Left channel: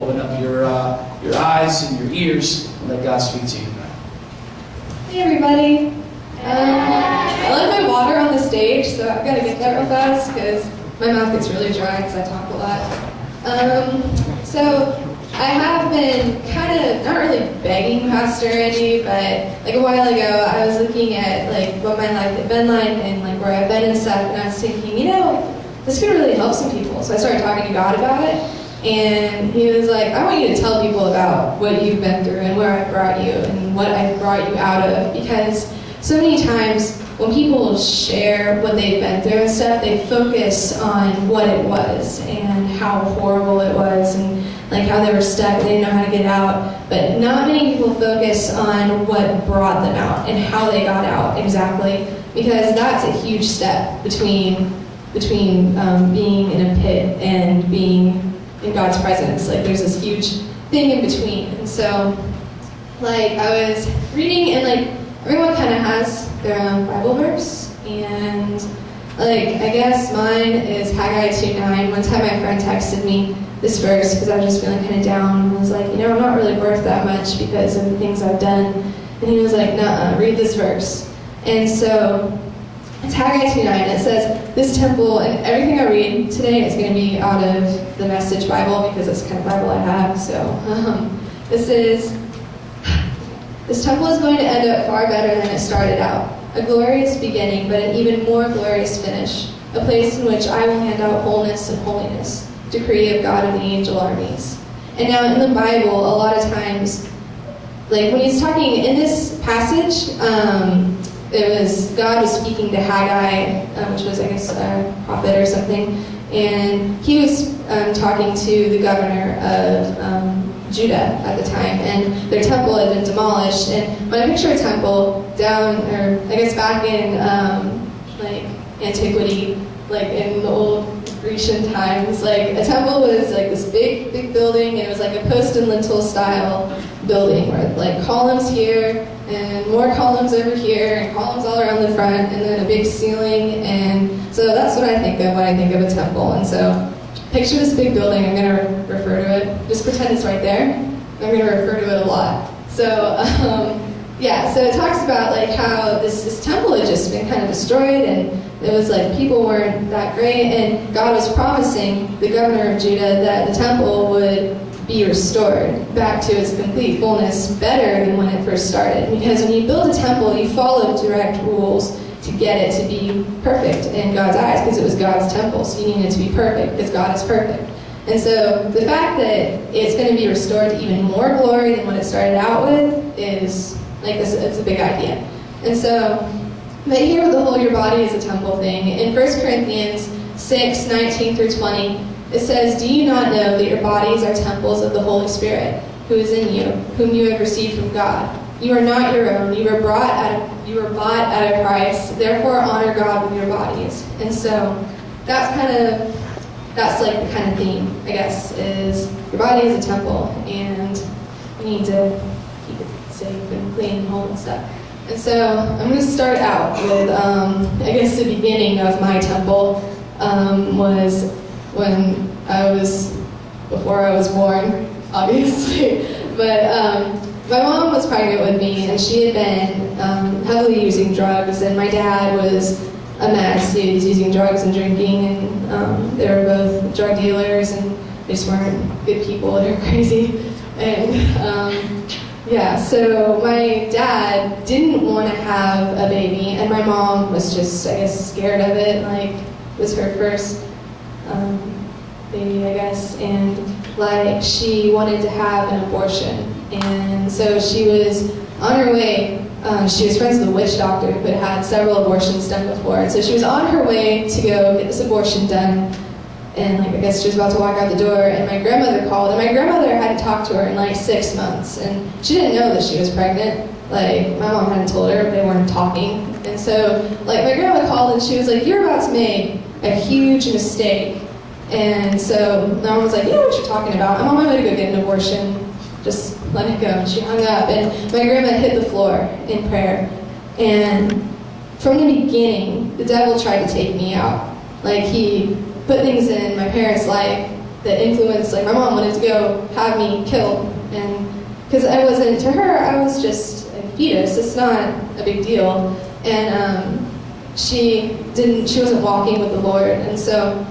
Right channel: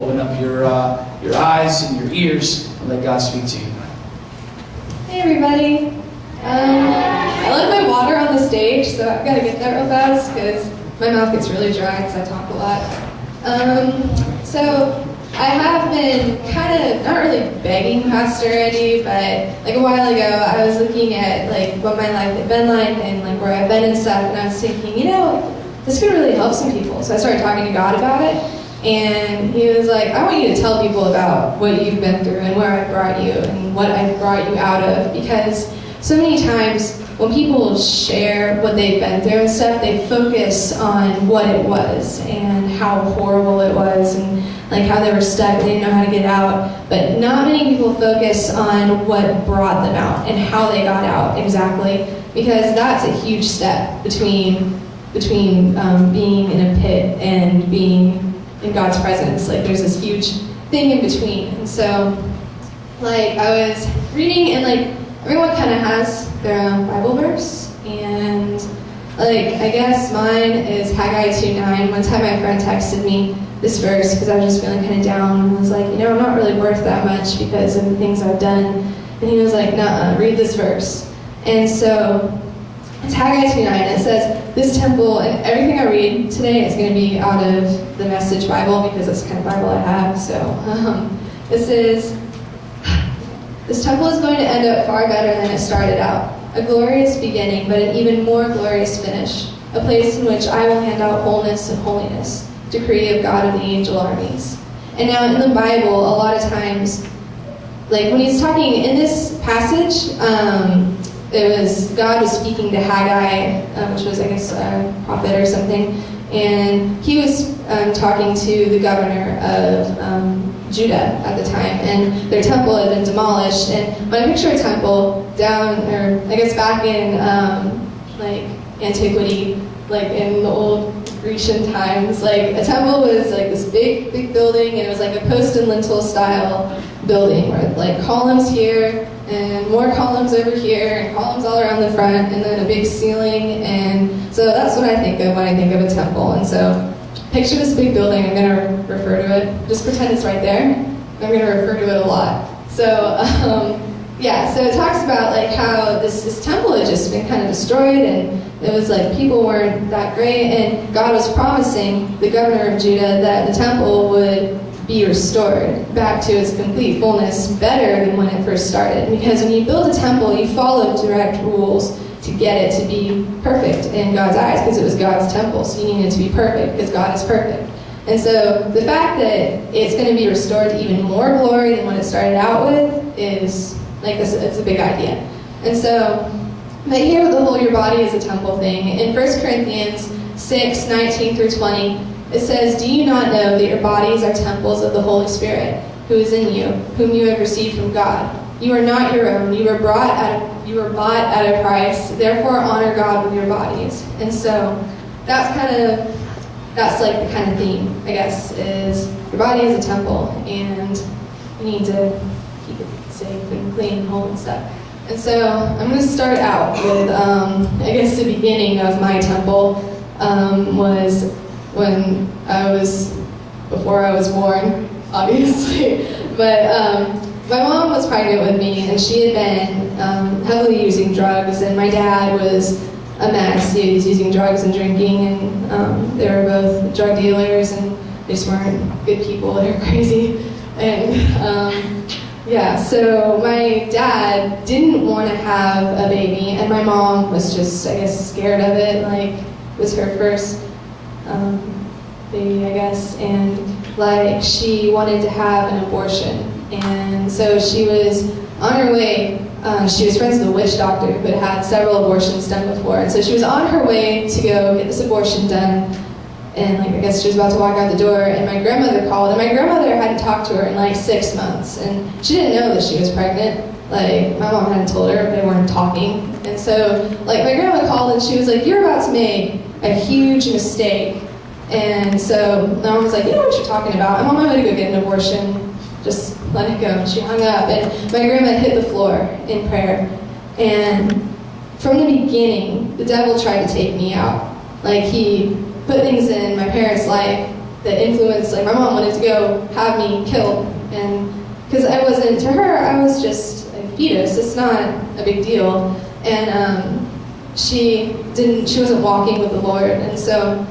Open up your eyes and your ears and let God speak to you. Hey everybody. I left my water on the stage, so I've got to get that real fast because my mouth gets really dry because I talk a lot. So I have been kind of, not really begging Pastor Andy, but like a while ago I was looking at like what my life had been like and like where I've been and stuff, and I was thinking, this could really help some people. So I started talking to God about it. And he was like, I want you to tell people about what you've been through and where I brought you and what I brought you out of. Because so many times when people share what they've been through and stuff, they focus on what it was and how horrible it was and like how they were stuck, they didn't know how to get out. But not many people focus on what brought them out and how they got out exactly. Because that's a huge step between being in a pit and being in God's presence. Like there's this huge thing in between. And so like I was reading, and like everyone kind of has their own Bible verse, and like I guess mine is Haggai 2:9. One time my friend texted me this verse because I was just feeling kind of down and was like, I'm not really worth that much because of the things I've done. And he was like, nuh-uh, read this verse. And so it's Haggai 2:9. It says, this temple, and everything I read today is going to be out of the Message Bible because that's the kind of Bible I have. So this temple is going to end up far better than it started out. A glorious beginning, but an even more glorious finish. A place in which I will hand out wholeness and holiness, decree of God of the angel armies. And now in the Bible, a lot of times, like when he's talking in this passage, God was speaking to Haggai, which was, I guess, a prophet or something, and he was talking to the governor of Judah at the time, and their temple had been demolished. And when I picture a temple back in like antiquity, like in the old Grecian times, like a temple was like this big building, and it was like a post and lintel style building where like columns here and more columns over here and columns all around the front and then a big ceiling. And so that's what I think of when I think of a temple. And so picture this big building. I'm going to refer to it. Just pretend it's right there. I'm going to refer to it a lot. So so it talks about like how this temple had just been kind of destroyed, and it was like people weren't that great, and God was promising the governor of Judah that the temple would be restored back to its complete fullness, better than when it first started. Because when you build a temple, you follow direct rules to get it to be perfect in God's eyes, because it was God's temple, so you need it to be perfect because God is perfect. And so the fact that it's going to be restored to even more glory than what it started out with is like this. It's a big idea. And so, but here with the whole your body is a temple thing, in 1 Corinthians 6:19 through 20, it says, do you not know that your bodies are temples of the Holy Spirit, who is in you, whom you have received from God? You are not your own. You were bought at a price. Therefore, honor God with your bodies. And so that's like the kind of theme, I guess, is your body is a temple, and you need to keep it safe and clean and whole and stuff. And so I'm going to start out with, I guess the beginning of my temple was when before I was born, obviously. But my mom was pregnant with me, and she had been heavily using drugs, and my dad was a mess. He was using drugs and drinking, and they were both drug dealers, and they just weren't good people. They were crazy. And so my dad didn't want to have a baby, and my mom was just, I guess, scared of it. Like, it was her first baby, I guess, and like she wanted to have an abortion. And so she was on her way. She was friends with a witch doctor who had had several abortions done before, and so she was on her way to go get this abortion done. And like I guess she was about to walk out the door, and my grandmother called, and my grandmother hadn't talked to her in like 6 months, and she didn't know that she was pregnant. Like my mom hadn't told her, they weren't talking. And so like my grandma called, and she was like, you're about to make a huge mistake. And so my mom was like, you know what you're talking about. I'm on my way to go get an abortion. Just let it go. And she hung up, and my grandma hit the floor in prayer. And from the beginning, the devil tried to take me out. Like he put things in my parents' life the influence, like my mom wanted to go have me killed, and because I wasn't, to her, I was just a fetus. It's not a big deal, and she wasn't walking with the Lord, and so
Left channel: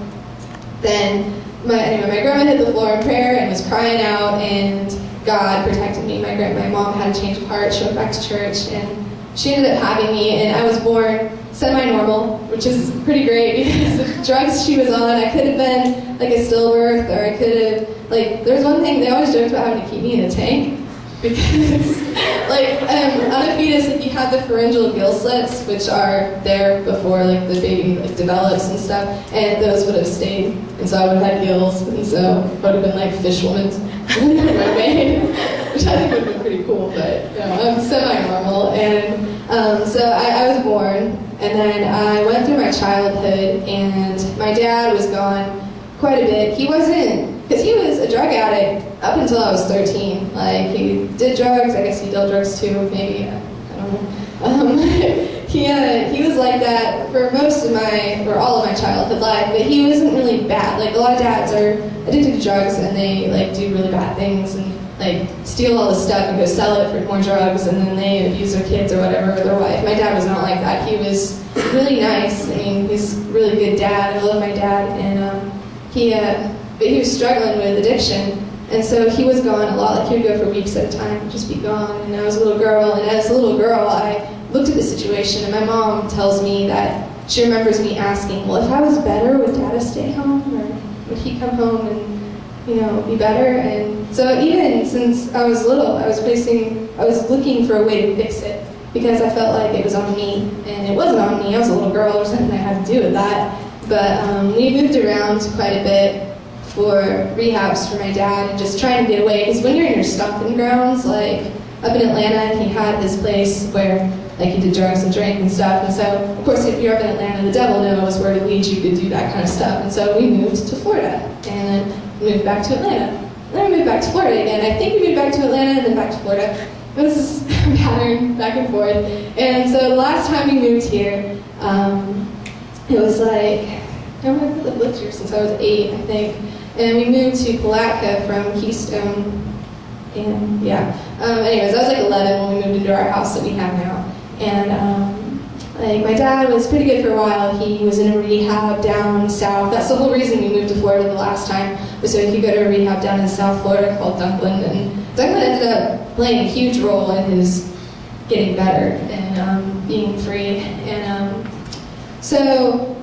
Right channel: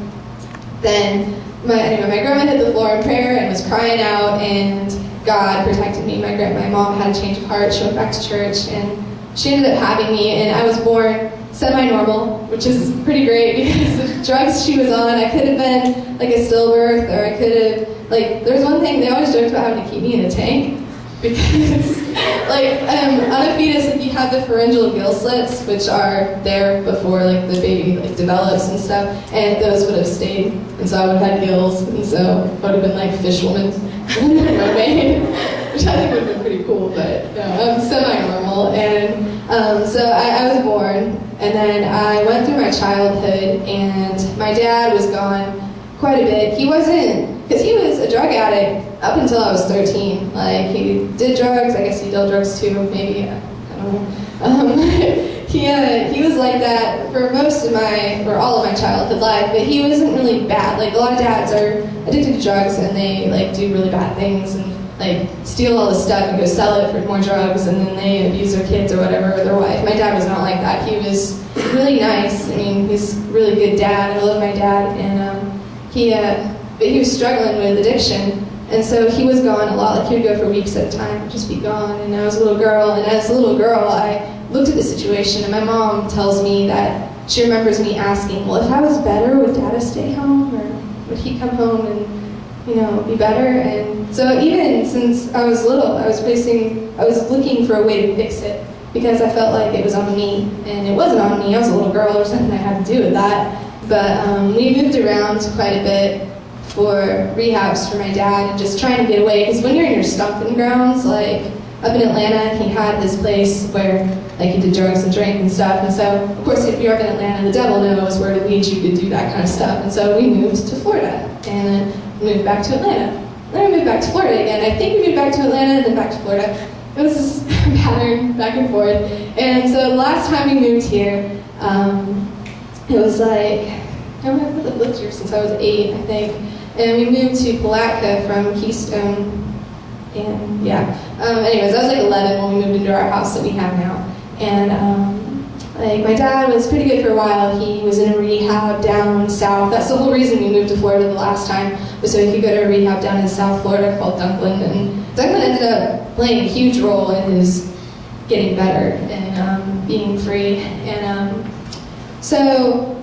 then my grandma hit the floor in prayer and was crying out, and God protected me. My mom had a change of heart. She went back to church, and she ended up having me, and I was born semi-normal, which is pretty great because the drugs she was on, I could have been like a stillbirth, or I could have, like, there's one thing, they always joked about having to keep me in a tank, because like on a fetus, like, you have the pharyngeal gill slits, which are there before like the baby like develops and stuff, and those would have stayed, and so I would have had gills, and so I would have been like fish woman mermaid, which I think would have been pretty cool, but no, I'm semi-normal, and so I was born, and then I went through my childhood, and my dad was gone quite a bit. He wasn't, because he was a drug addict up until I was 13. Like, he did drugs, I guess he dealt drugs too, maybe, I don't know. He was like that for all of my childhood life, but he wasn't really bad. Like, a lot of dads are addicted to drugs, and they, like, do really bad things, and, like, steal all the stuff and go sell it for more drugs, and then they abuse their kids or whatever, or their wife. My dad was not like that. He was really nice. I mean, he's a really good dad. I love my dad, and but he was struggling with addiction, and so he was gone a lot. Like, he would go for weeks at a time, just be gone. And I was a little girl, and as a little girl, I looked at the situation, and my mom tells me that she remembers me asking, well, if I was better, would Dada stay home, or would he come home and, be better? And so even since I was little, I was looking for a way to fix it, because I felt like it was on me, and it wasn't on me. I was a little girl, there was nothing I had to do with that. But we moved around quite a bit for rehabs for my dad, and just trying to get away, because when you're in your stomping grounds, like up in Atlanta, he had this place where like he did drugs and drank and stuff, and so of course if you're up in Atlanta, the devil knows where to lead you to do that kind of stuff, and so we moved to Florida, and then moved back to Atlanta. Then we moved back to Florida again. I think we moved back to Atlanta and then back to Florida. It was this pattern back and forth. And so the last time we moved here, it was like, I remember the lived here since I was 8, I think. And we moved to Palatka from Keystone. And yeah. Anyways, I was like 11 when we moved into our house that we have now. And like, my dad was pretty good for a while. He was in a rehab down south. That's the whole reason we moved to Florida the last time, was so he could go to a rehab down in South Florida called Dunklin. And Dunklin ended up playing a huge role in his getting better and being free. And so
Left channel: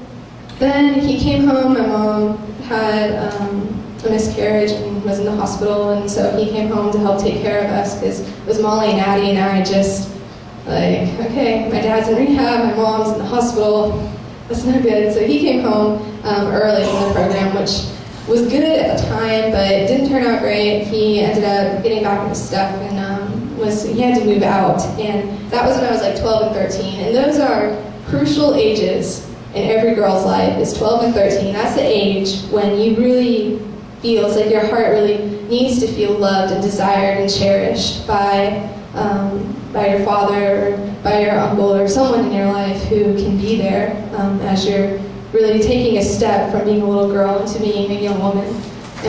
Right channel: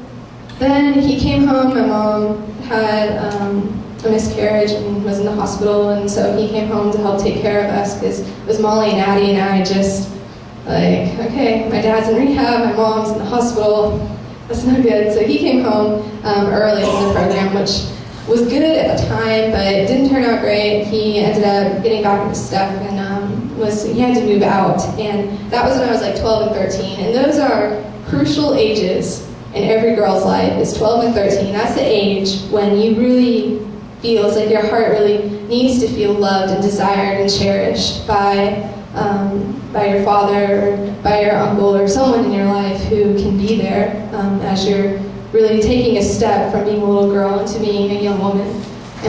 then he came home. My mom had a miscarriage and was in the hospital, and so he came home to help take care of us, because it was Molly and Addie and I just like, okay, my dad's in rehab, my mom's in the hospital, that's not good. So he came home early in the program, which was good at the time, but it didn't turn out great. He ended up getting back into stuff, and he had to move out. And that was when I was like 12 and 13. And those are crucial ages in every girl's life, is 12 and 13. That's the age when you really feel, it's like your heart really needs to feel loved and desired and cherished by your father, or by your uncle, or someone in your life who can be there as you're really taking a step from being a little girl into being a young woman.